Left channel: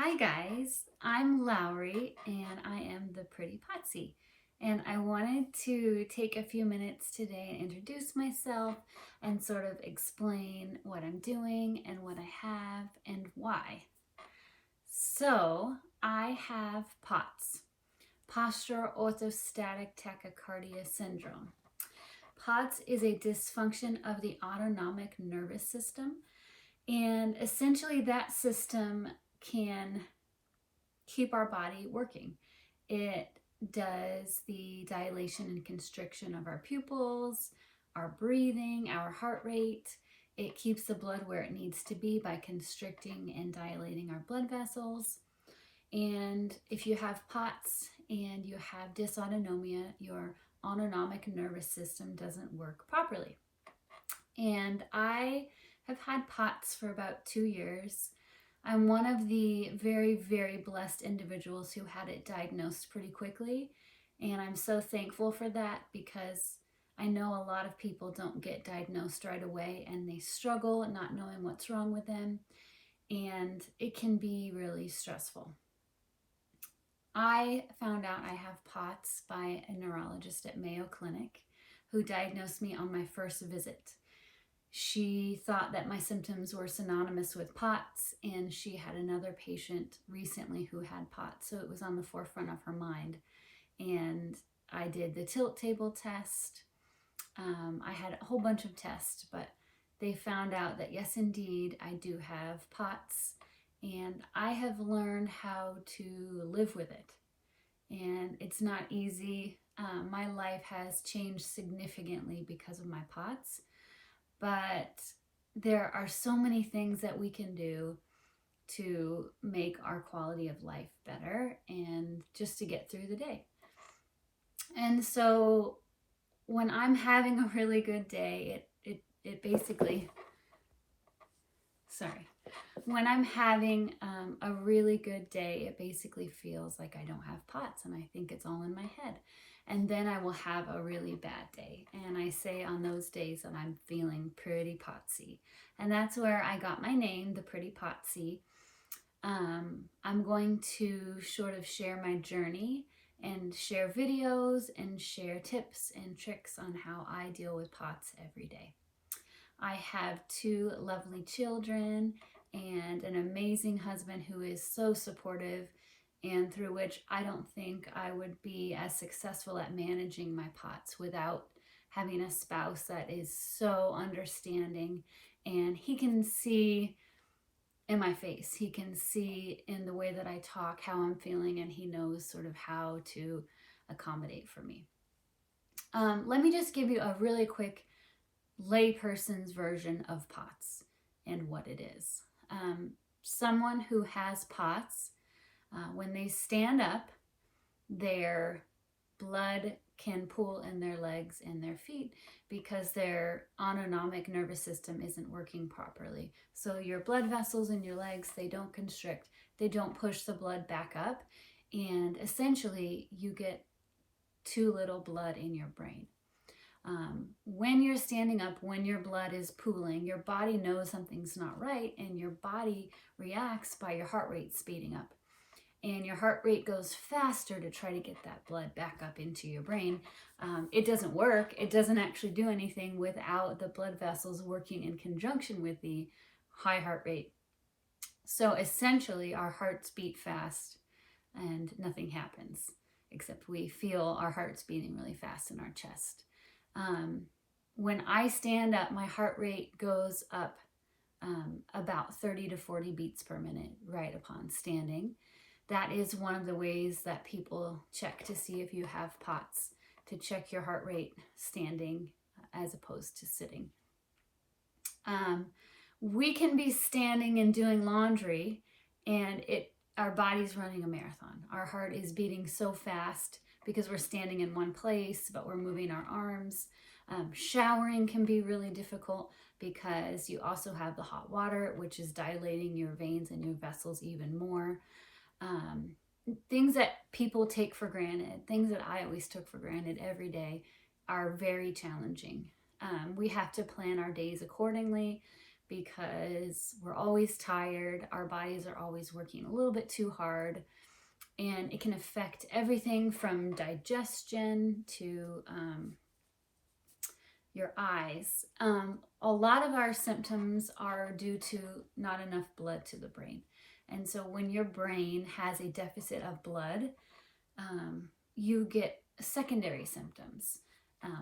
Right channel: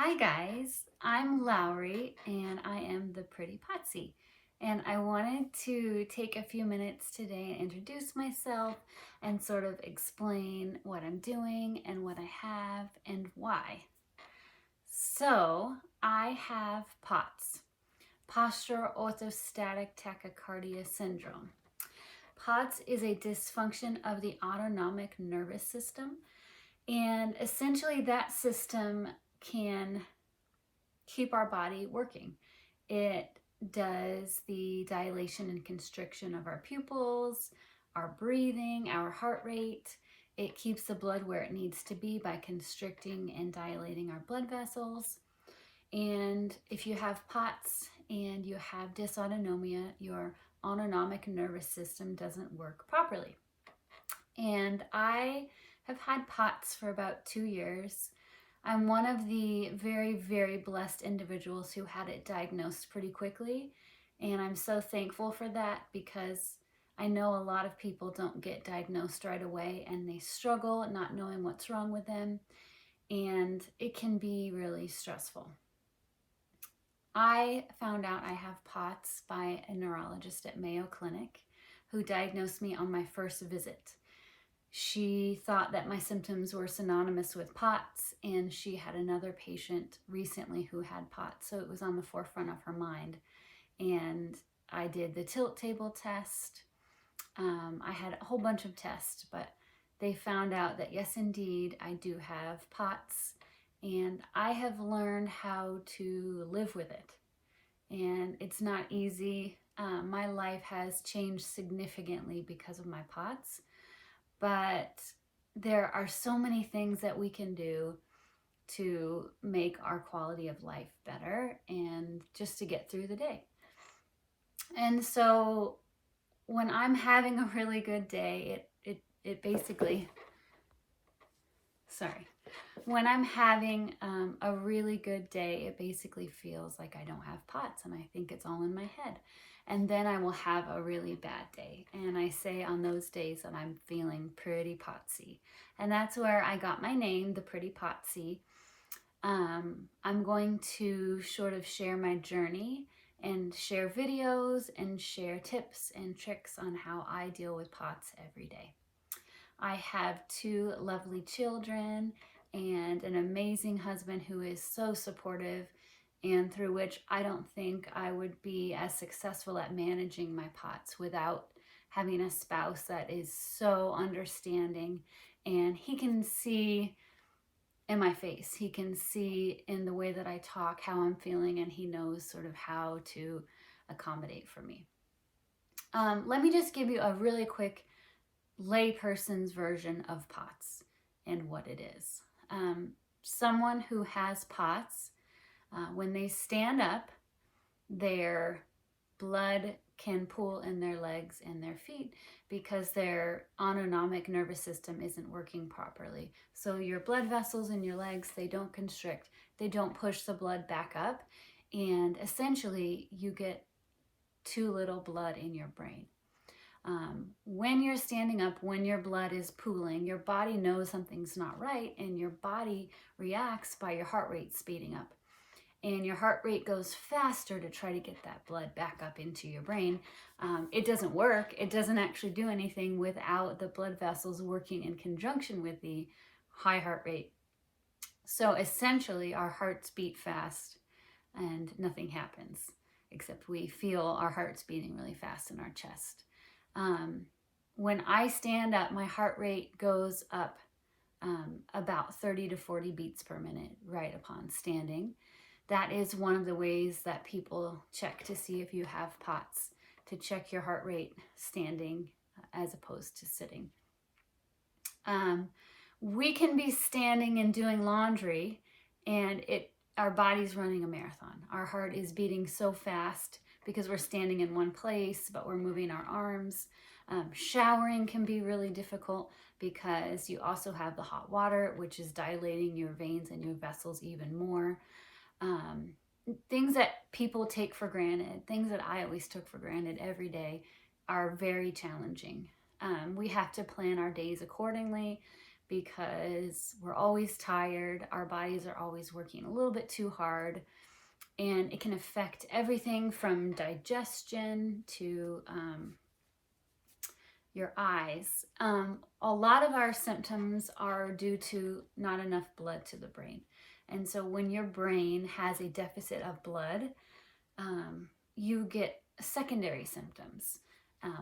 Hi guys, I'm Lowry and I am the Pretty Potsie. And I wanted to take a few minutes today and introduce myself and sort of explain what I'm doing and what I have and why. So I have POTS, Postural Orthostatic Tachycardia Syndrome. POTS is a dysfunction of the autonomic nervous system, and essentially that system can keep our body working. It does the dilation and constriction of our pupils, our breathing, our heart rate. It keeps the blood where it needs to be by constricting and dilating our blood vessels. And if you have POTS and you have dysautonomia, your autonomic nervous system doesn't work properly. And I have had POTS for about 2 years. I'm one of the very, very blessed individuals who had it diagnosed pretty quickly. And I'm so thankful for that because I know a lot of people don't get diagnosed right away and they struggle not knowing what's wrong with them. And it can be really stressful. I found out I have POTS by a neurologist at Mayo Clinic who diagnosed me on my first visit. She thought that my symptoms were synonymous with POTS, and she had another patient recently who had POTS, so it was on the forefront of her mind. And I did the tilt table test. I had a whole bunch of tests, but they found out that yes, indeed, I do have POTS, and I have learned how to live with it. And it's not easy. My life has changed significantly because of my POTS. But there are so many things that we can do to make our quality of life better and just to get through the day. And so when I'm having a really good day, it basically, when I'm having a really good day, it basically feels like I don't have POTS and I think it's all in my head. And then I will have a really bad day. And I say on those days that I'm feeling pretty potsy. And that's where I got my name, the Pretty Potsie. I'm going to sort of share my journey and share videos and share tips and tricks on how I deal with POTS every day. I have 2 lovely children and an amazing husband who is so supportive, and through which I don't think I would be as successful at managing my POTS without having a spouse that is so understanding. And he can see in my face, he can see in the way that I talk how I'm feeling, and he knows sort of how to accommodate for me. Let me just give you a really quick layperson's version of POTS and what it is. Someone who has POTS, when they stand up, their blood can pool in their legs and their feet because their autonomic nervous system isn't working properly. So your blood vessels in your legs, they don't constrict, they don't push the blood back up, and essentially you get too little blood in your brain. When you're standing up, when your blood is pooling, your body knows something's not right, and your body reacts by your heart rate speeding up. And your heart rate goes faster to try to get that blood back up into your brain. It doesn't work. It doesn't actually do anything without the blood vessels working in conjunction with the high heart rate. So essentially, our hearts beat fast and nothing happens, except we feel our hearts beating really fast in our chest. When I stand up, my heart rate goes up about 30 to 40 beats per minute right upon standing. That is one of the ways that people check to see if you have POTS, to check your heart rate standing as opposed to sitting. We can be standing and doing laundry and our body's running a marathon. Our heart is beating so fast because we're standing in one place, but we're moving our arms. Showering can be really difficult because you also have the hot water, which is dilating your veins and your vessels even more. Things that people take for granted, things that I always took for granted every day, are very challenging. We have to plan our days accordingly because we're always tired. Our bodies are always working a little bit too hard, and it can affect everything from digestion to your eyes. A lot of our symptoms are due to not enough blood to the brain. And so when your brain has a deficit of blood, you get secondary symptoms.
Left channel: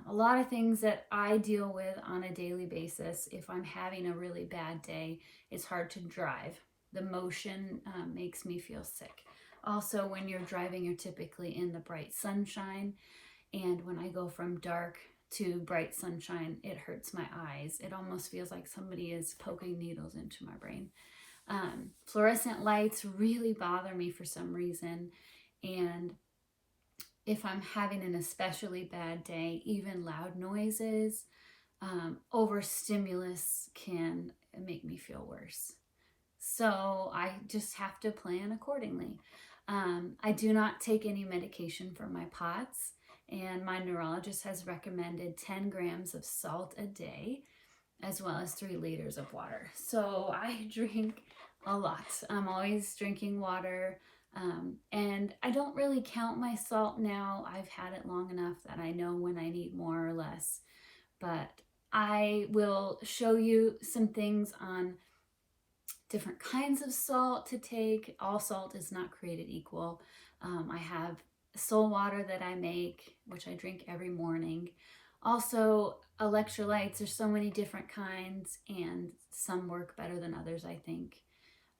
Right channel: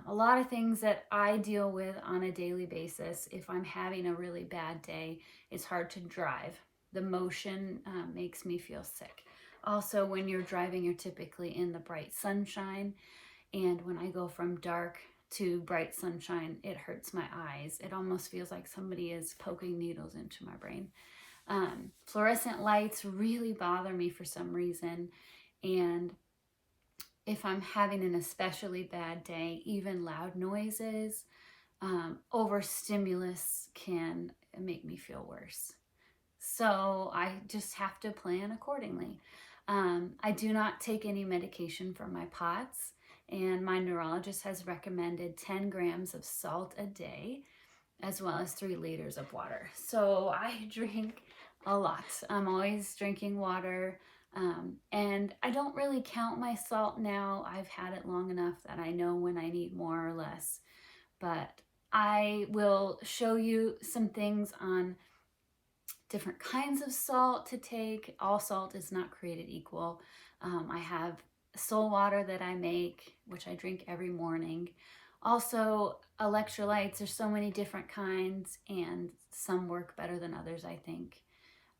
A lot of things that I deal with on a daily basis, if I'm having a really bad day, it's hard to drive. The motion makes me feel sick. Also, when you're driving, you're typically in the bright sunshine. And when I go from dark to bright sunshine, it hurts my eyes. It almost feels like somebody is poking needles into my brain. Fluorescent lights really bother me for some reason. And if I'm having an especially bad day, even loud noises, overstimulus can make me feel worse. So I just have to plan accordingly. I do not take any medication for my POTS, and my neurologist has recommended 10 grams of salt a day, as well as 3 liters of water. So I drink a lot. I'm always drinking water, and I don't really count my salt now. I've had it long enough that I know when I need more or less. But I will show you some things on different kinds of salt to take. All salt is not created equal. I have soul water that I make, which I drink every morning. Also, electrolytes, there's so many different kinds, and some work better than others, I think.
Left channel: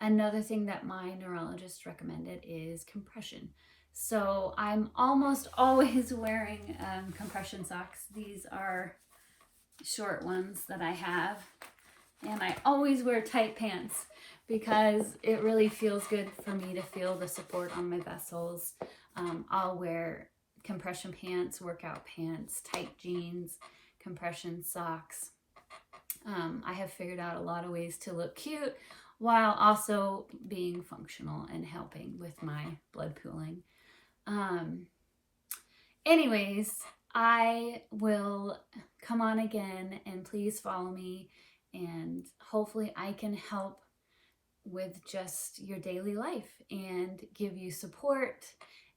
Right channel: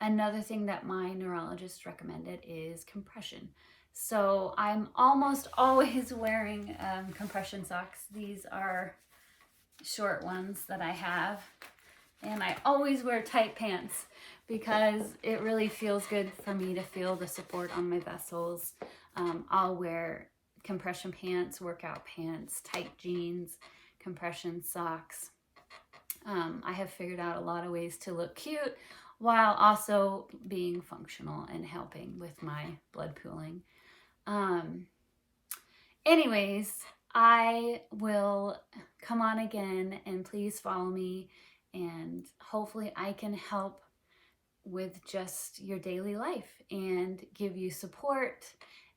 Another thing that my neurologist recommended is compression. So I'm almost always wearing compression socks. These are short ones that I have. And I always wear tight pants because it really feels good for me to feel the support on my vessels. I'll wear compression pants, workout pants, tight jeans, compression socks. I have figured out a lot of ways to look cute while also being functional and helping with my blood pooling. Anyways, I will come on again, and please follow me, and hopefully I can help with just your daily life and give you support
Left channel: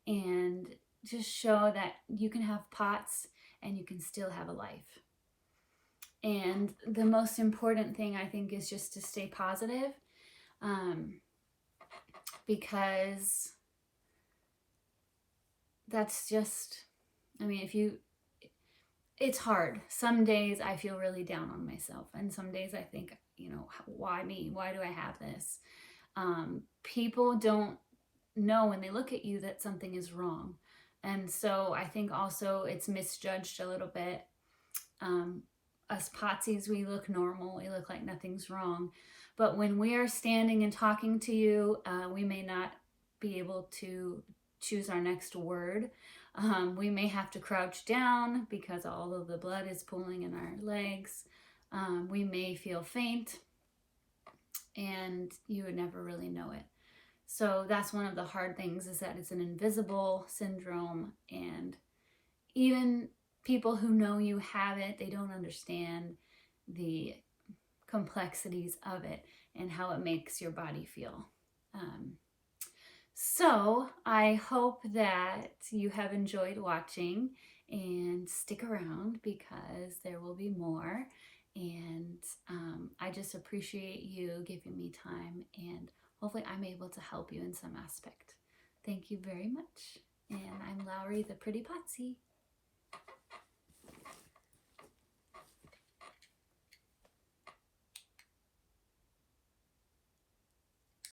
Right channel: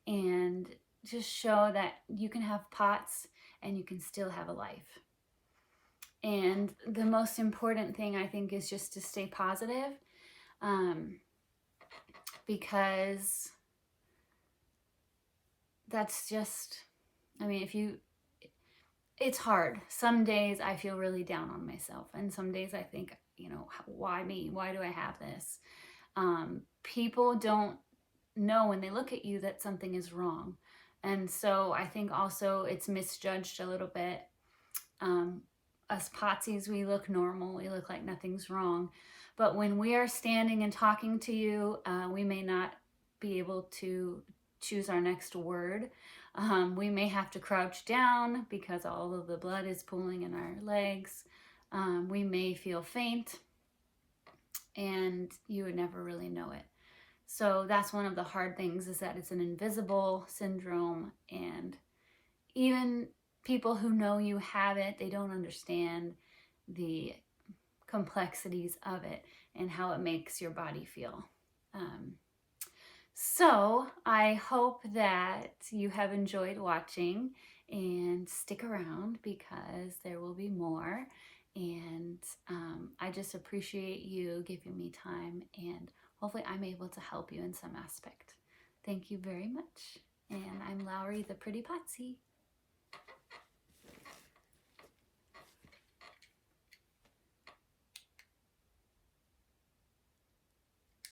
and just show that you can have POTS and you can still have a life. And the most important thing, I think, is just to stay positive, because that's just, I mean, it's hard. Some days I feel really down on myself, and some days I think, why me? Why do I have this? People don't know when they look at you that something is wrong. And so I think also it's misjudged a little bit. Us Potsies, we look normal. We look like nothing's wrong. But when we are standing and talking to you, we may not be able to choose our next word. We may have to crouch down because all of the blood is pooling in our legs. We may feel faint, and you would never really know it. So that's one of the hard things, is that it's an invisible syndrome, and even people who know you have it, they don't understand the complexities of it and how it makes your body feel. So I hope that you have enjoyed watching, and stick around because there will be more. And I just appreciate you giving me time, and hopefully I'm able to help you in some aspect. Thank you very much. And I'm Lowry, the Pretty Potsie.